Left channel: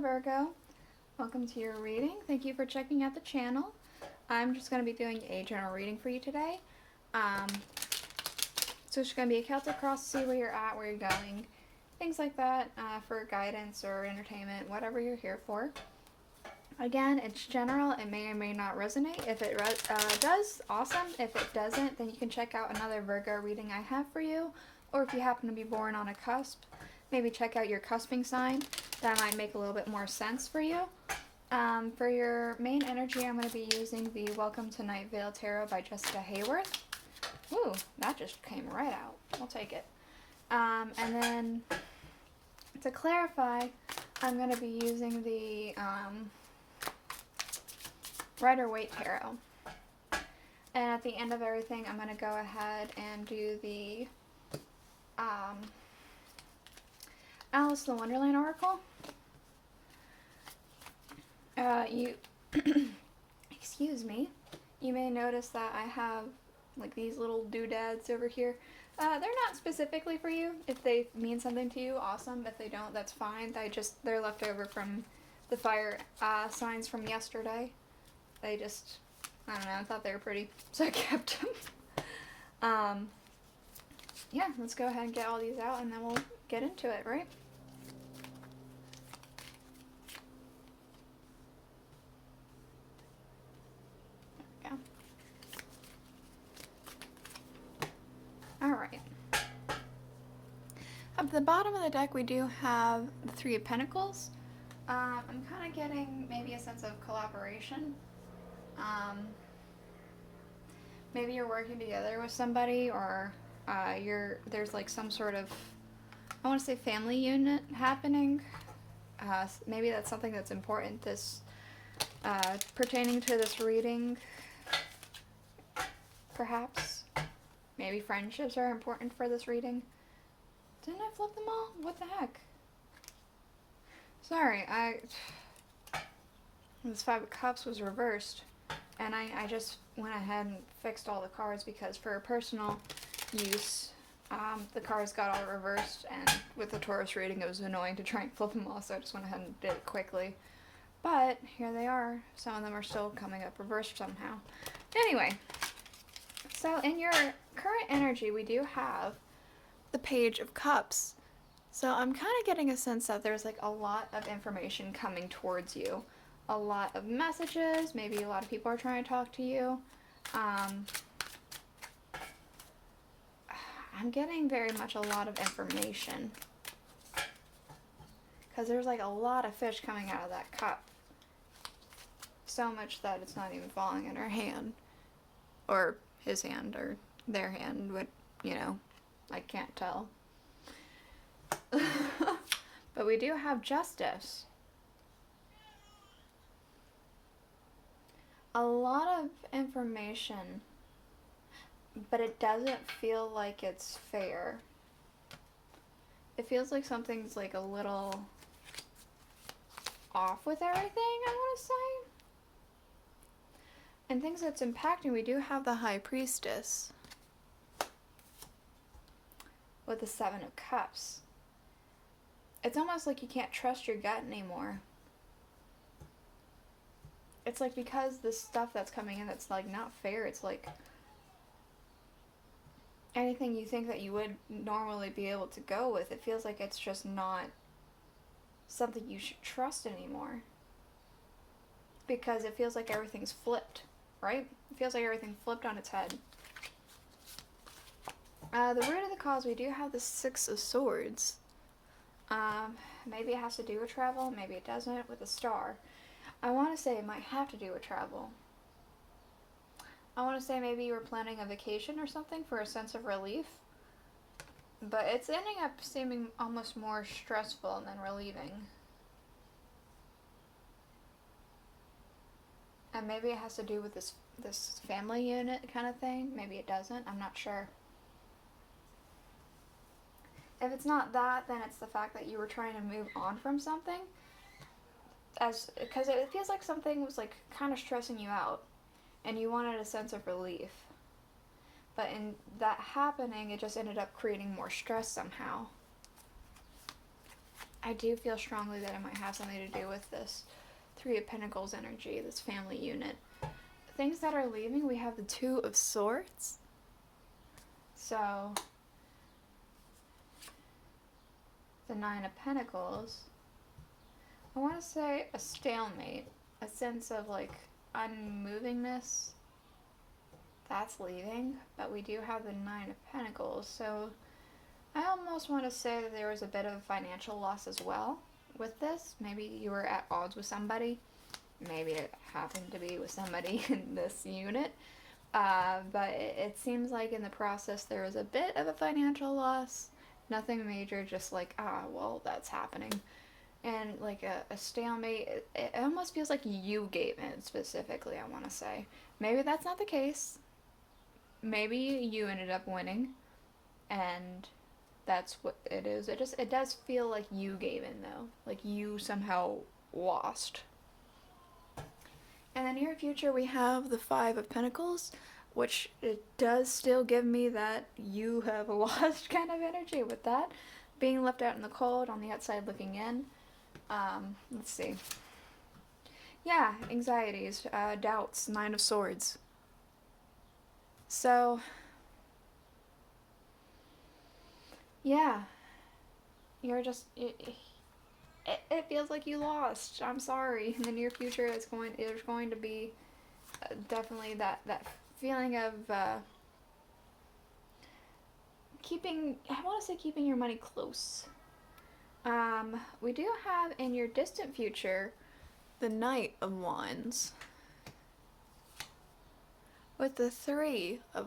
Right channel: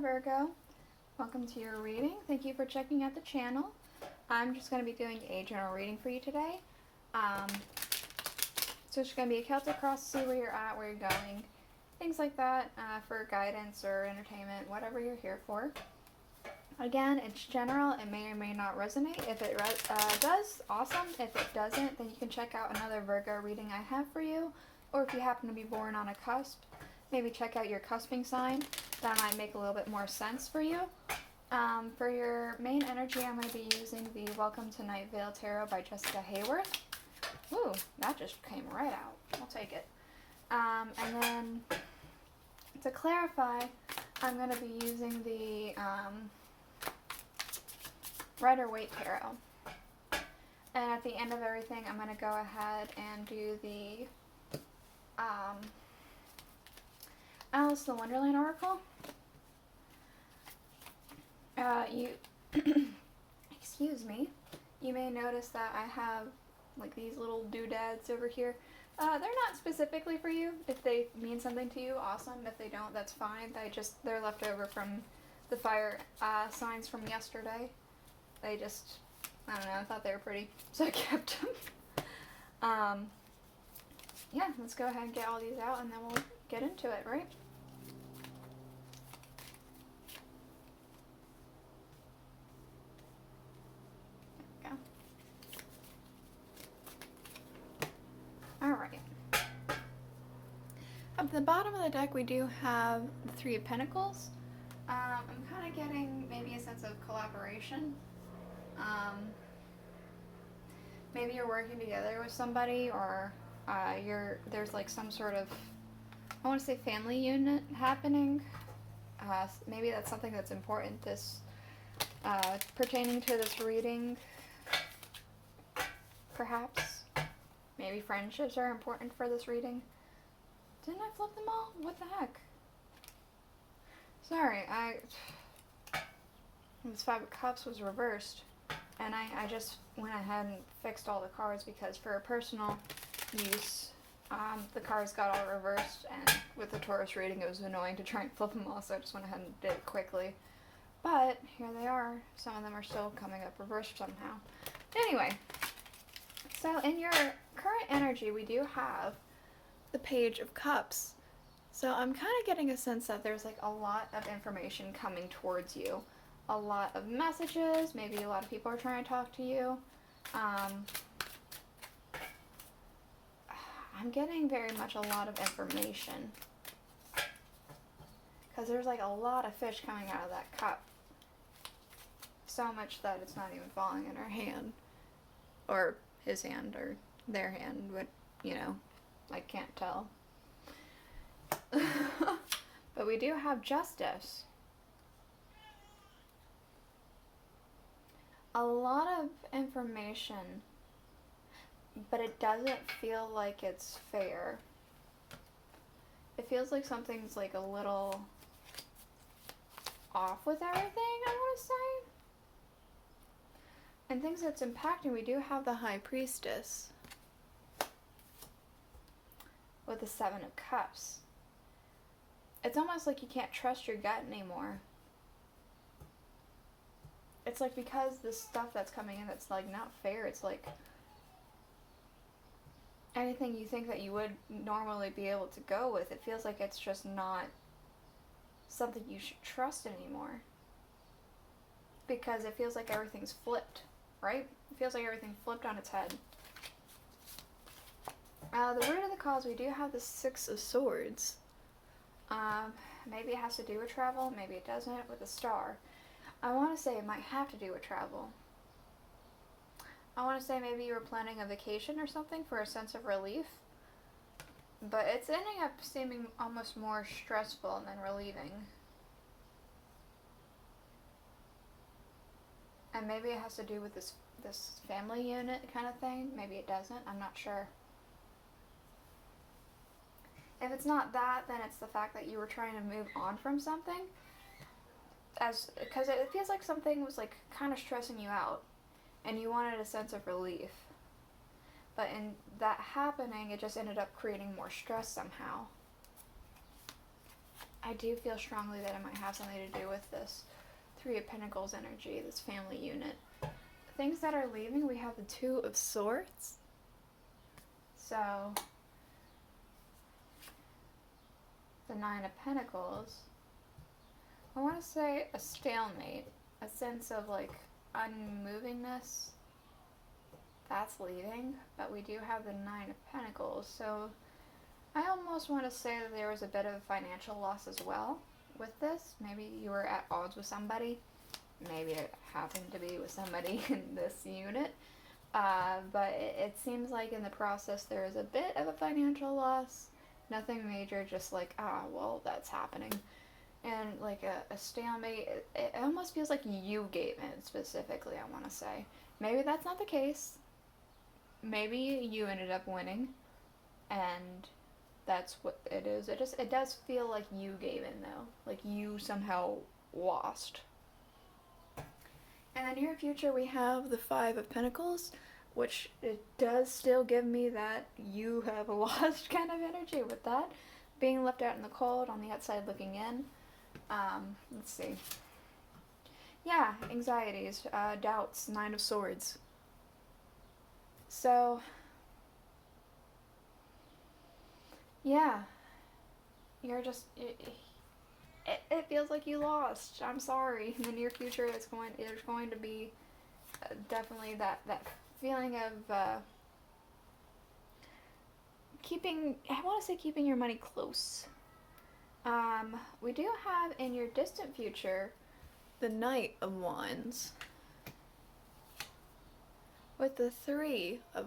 Virgo. Welcome to your reading. Thank you for checking out the channel. I'm just going to be doing a general reading for you today. So it's going to be a Celtic cross to see where you're at, where you're going, things like that, for guidance or entertainment, whatever you're here for. Again, it's general. It may or may not resonate. If it does, awesome. If it doesn't, then you can check out another Virgo reading I have for you. Or if you happen to be born on a cusp, maybe check out your cusping sign. That might make a little bit more sense for you. For your main energy, I'm going to be using the Welcome to Night Vale Tarot by Jessica Hayworth. Ooh, that just came right out. I'll take it. And then to clarify, I'm going to be using the Rider-Waite Tarot. And at the end of everything, I'm going to go ahead and do the Alice in the Wonderland Oracle. Excuse me, you may notice that I have like these little doodads over here. They're not specifically for you. If they mean something to you, awesome. If they don't, that's fine. They're left over from the fire signs from yesterday. I don't know, I thought they were pretty, so I kept them. Yeah, let's go ahead and get all these out and then we'll get into it, right? There we go. Alright. Up at the bottom of the deck we do have the Three of Pentacles. I'm kind of getting maybe a sense of collaboration. Maybe you're working together with somebody, or there's like some sort of, I want to say, family unit happening. Maybe that's something that's important pertaining to this reading. Perhaps. Maybe friendships are important for this reading. Didn't I flip them all? What the heck? Sorry, this Five of Cups was reversed. And I just went ahead and fixed all the cards because for personal use, the cards got all reversed, and with the Taurus reading it was annoying to try and flip them all, so I just went ahead and did it quickly. But here they are. Some of them are still coming up reversed somehow. Anyway, so in your current energy we do have the Page of Cups. So I'm kind of getting a sense that there's like a lot of information coming towards you. A lot of messages, maybe a lot of people are trying to talk to you. I'm getting very much a lot of information. Because there's like a lot of fish coming out of that cup. So much that it's not even falling in her hand. Or his hand, or their hand, but, you know, I can't tell. But we do have Justice. A lot of information, but it doesn't feel like it's fair. It feels like something's like a little off with everything, I want to say. And things that's impacting, we do have the High Priestess with the Seven of Cups. It's almost like you can't trust your gut anymore. It's like because the stuff that's coming in that's like not fair, it's like anything you think that you would normally be able to go with, it feels like it's just not something you should trust anymore. Because it feels like everything's flipped, right? It feels like everything flipped on its head. The root of the cause, we do have the Six of Swords. Maybe it has to do with travel, maybe it doesn't, with the Star. I want to say it might have to do with travel. I want to say maybe you were planning a vacation or something for a sense of relief. But it's ending up seeming almost more stressful than relieving. And maybe it has to do with this family unit kind of thing. Maybe it doesn't. I'm not sure. If it's not that, then it's the fact that you were trying to move on from something. Because it feels like something was like kind of stressing you out and you wanted a sense of relief, but in that happening it just ended up creating more stress somehow. I do feel strongly that it might have something to do with this Three of Pentacles energy, this family unit. Things that are leaving, we have the Two of Swords. So, the Nine of Pentacles. I want to say a stalemate, a sense of like unmovingness. That's leaving, but we do have the Nine of Pentacles, so I almost want to say that there was a bit of financial loss as well with this. Maybe you were at odds with somebody. Maybe it happened to be with somebody in this unit. But it seems like in the process there was a bit of a financial loss. Nothing major, just like, well, that's happening. And like a stalemate, it almost feels like you gave in specifically, I want to say. Maybe that's not the case. Maybe you ended up winning, and that's what it is. It does feel like you gave in, though. Like you somehow lost. In the near future, we have the Five of Pentacles, which it does still give me that you have lost kind of energy with that. Being left out in the cold, on the outside looking in. Let's see. Yeah, anxieties, doubts, Nine of Swords. So, yeah, you're just, it feels like you lost. I'm sorry. In the near future, there's going to be definitely that feeling of keeping your money close. We do have in your distant future the Knight of Wands with the Three of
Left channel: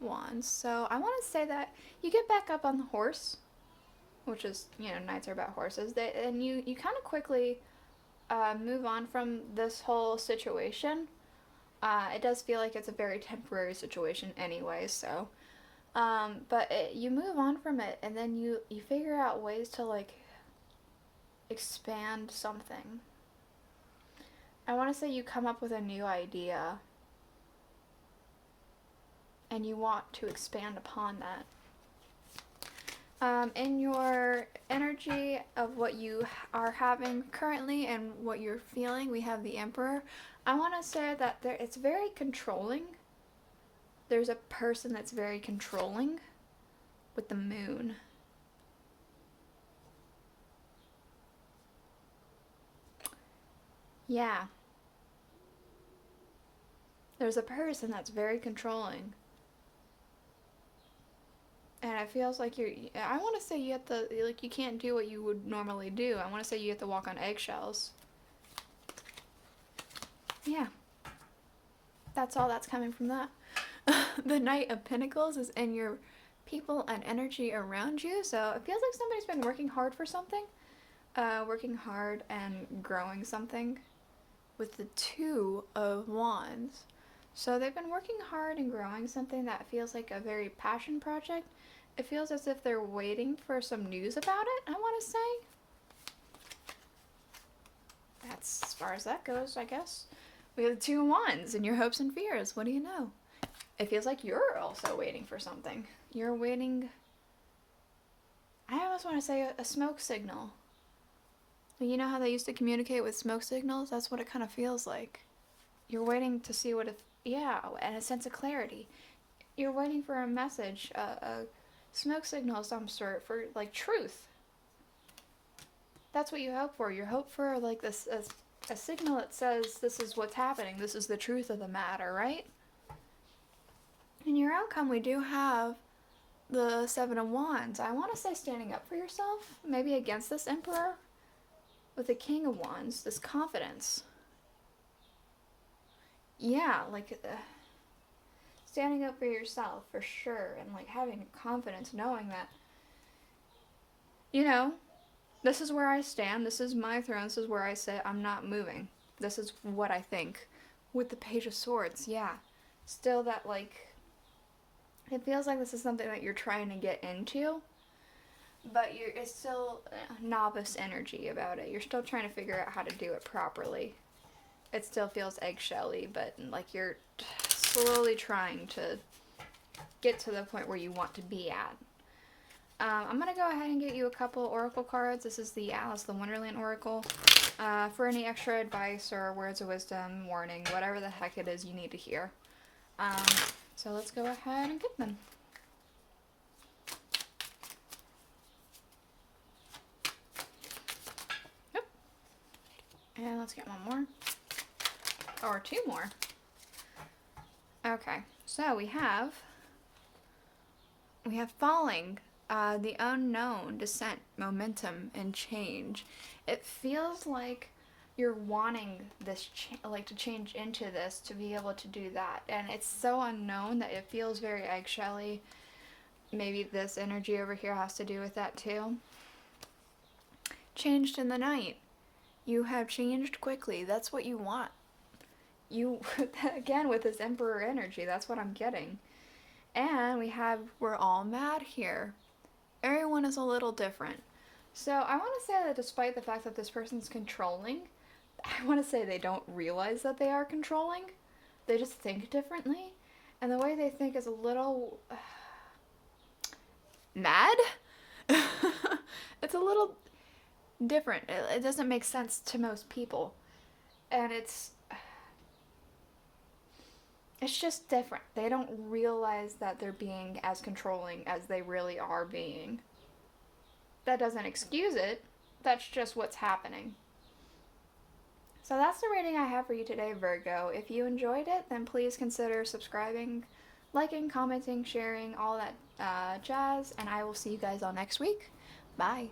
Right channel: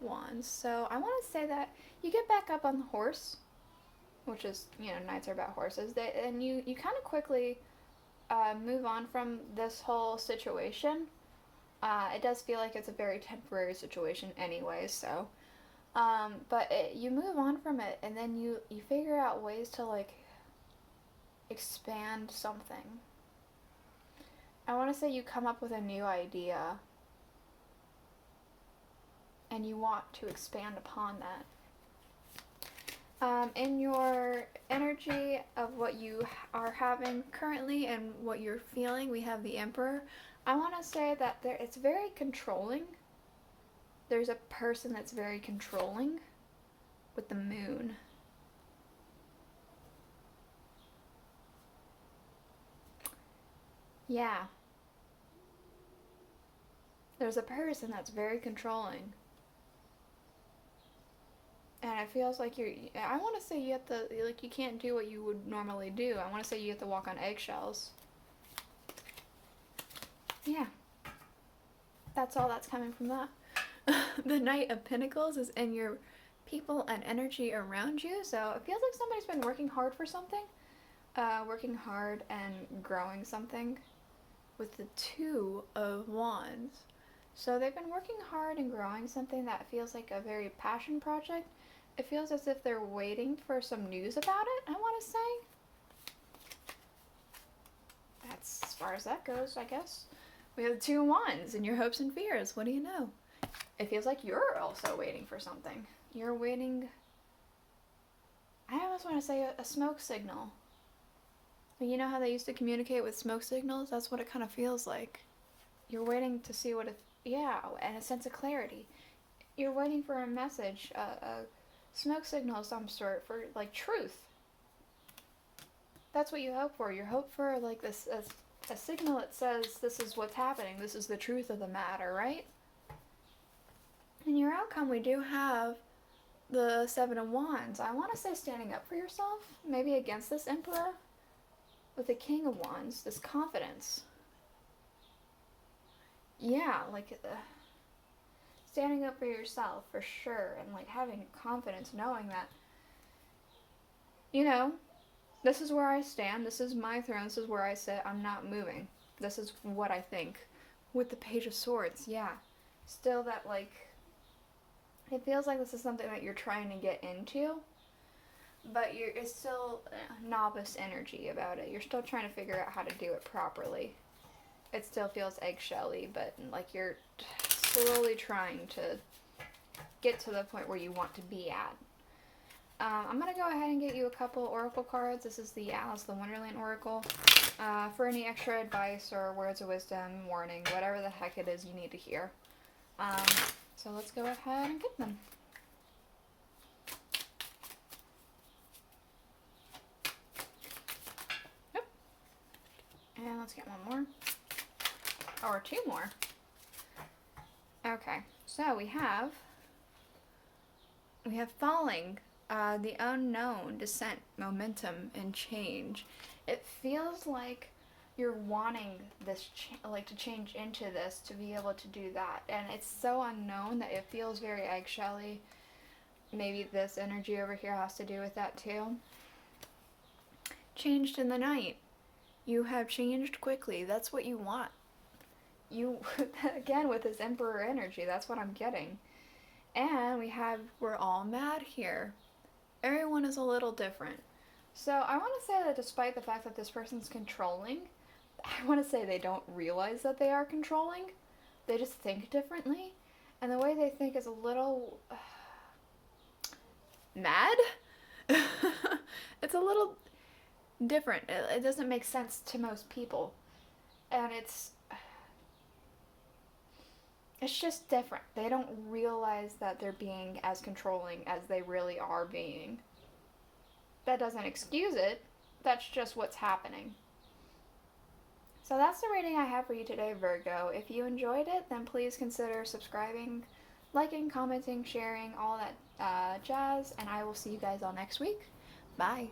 Wands. So I want to say that you get back up on the horse, which is, knights are about horses. And you kind of quickly move on from this whole situation. It does feel like it's a very temporary situation anyway, so. But you move on from it, and then you figure out ways to, like, expand something. I want to say you come up with a new idea, and you want to expand upon that. In your energy of what you are having currently and what you're feeling, we have the Emperor. I want to say that it's very controlling. There's a person that's very controlling with the Moon. Yeah. There's a person that's very controlling. And it feels like I want to say you have to, like, you can't do what you would normally do. I want to say you have to walk on eggshells. Yeah. That's all that's coming from that. The Knight of Pentacles is in your people and energy around you. So it feels like somebody's been working hard for something. Working hard and growing something with the Two of Wands. So they've been working hard and growing something that feels like a very passion project. It feels as if they're waiting for some news about it, I want to say. That's as far as that goes, I guess. We have the Two of Wands in your hopes and fears. What do you know? It feels like you're also waiting for something. You're waiting, I almost want to say a smoke signal. You know how they used to communicate with smoke signals? That's what it kind of feels like. You're waiting to see what and a sense of clarity. You're waiting for a message, a smoke signal of some sort for, like, truth. That's what you hope for. You hope for, like, this a signal that says this is what's happening. This is the truth of the matter, right? In your outcome, we do have the Seven of Wands. I want to say standing up for yourself, maybe against this Emperor, with the King of Wands, this confidence. Yeah, like, standing up for yourself, for sure, and, like, having confidence, knowing that, this is where I stand, this is my throne, this is where I sit, I'm not moving. This is what I think. With the Page of Swords, yeah. Still that, like, it feels like this is something that you're trying to get into, but it's still novice energy about it. You're still trying to figure out how to do it properly. It still feels eggshelly, but, like, you're slowly trying to get to the point where you want to be at. I'm going to go ahead and get you a couple oracle cards. This is the Alice the Wonderland Oracle. For any extra advice or words of wisdom, warning, whatever the heck it is you need to hear. So let's go ahead and get them. Yep. And let's get one more. Or two more. Okay, so we have falling, the unknown, descent, momentum, and change. It feels like you're wanting this, to change into this to be able to do that, and it's so unknown that it feels very eggshelly. Maybe this energy over here has to do with that too. Changed in the night. You have changed quickly. That's what you want. You, again, with this Emperor energy, that's what I'm getting. And we're all mad here. Everyone is a little different. So I want to say that despite the fact that this person's controlling, I want to say they don't realize that they are controlling. They just think differently. And the way they think is a little mad. It's a little different. It doesn't make sense to most people. And it's just different. They don't realize that they're being as controlling as they really are being. That doesn't excuse it. That's just what's happening. So that's the reading I have for you today, Virgo. If you enjoyed it, then please consider subscribing, liking, commenting, sharing, all that jazz, and I will see you guys all next week. Bye.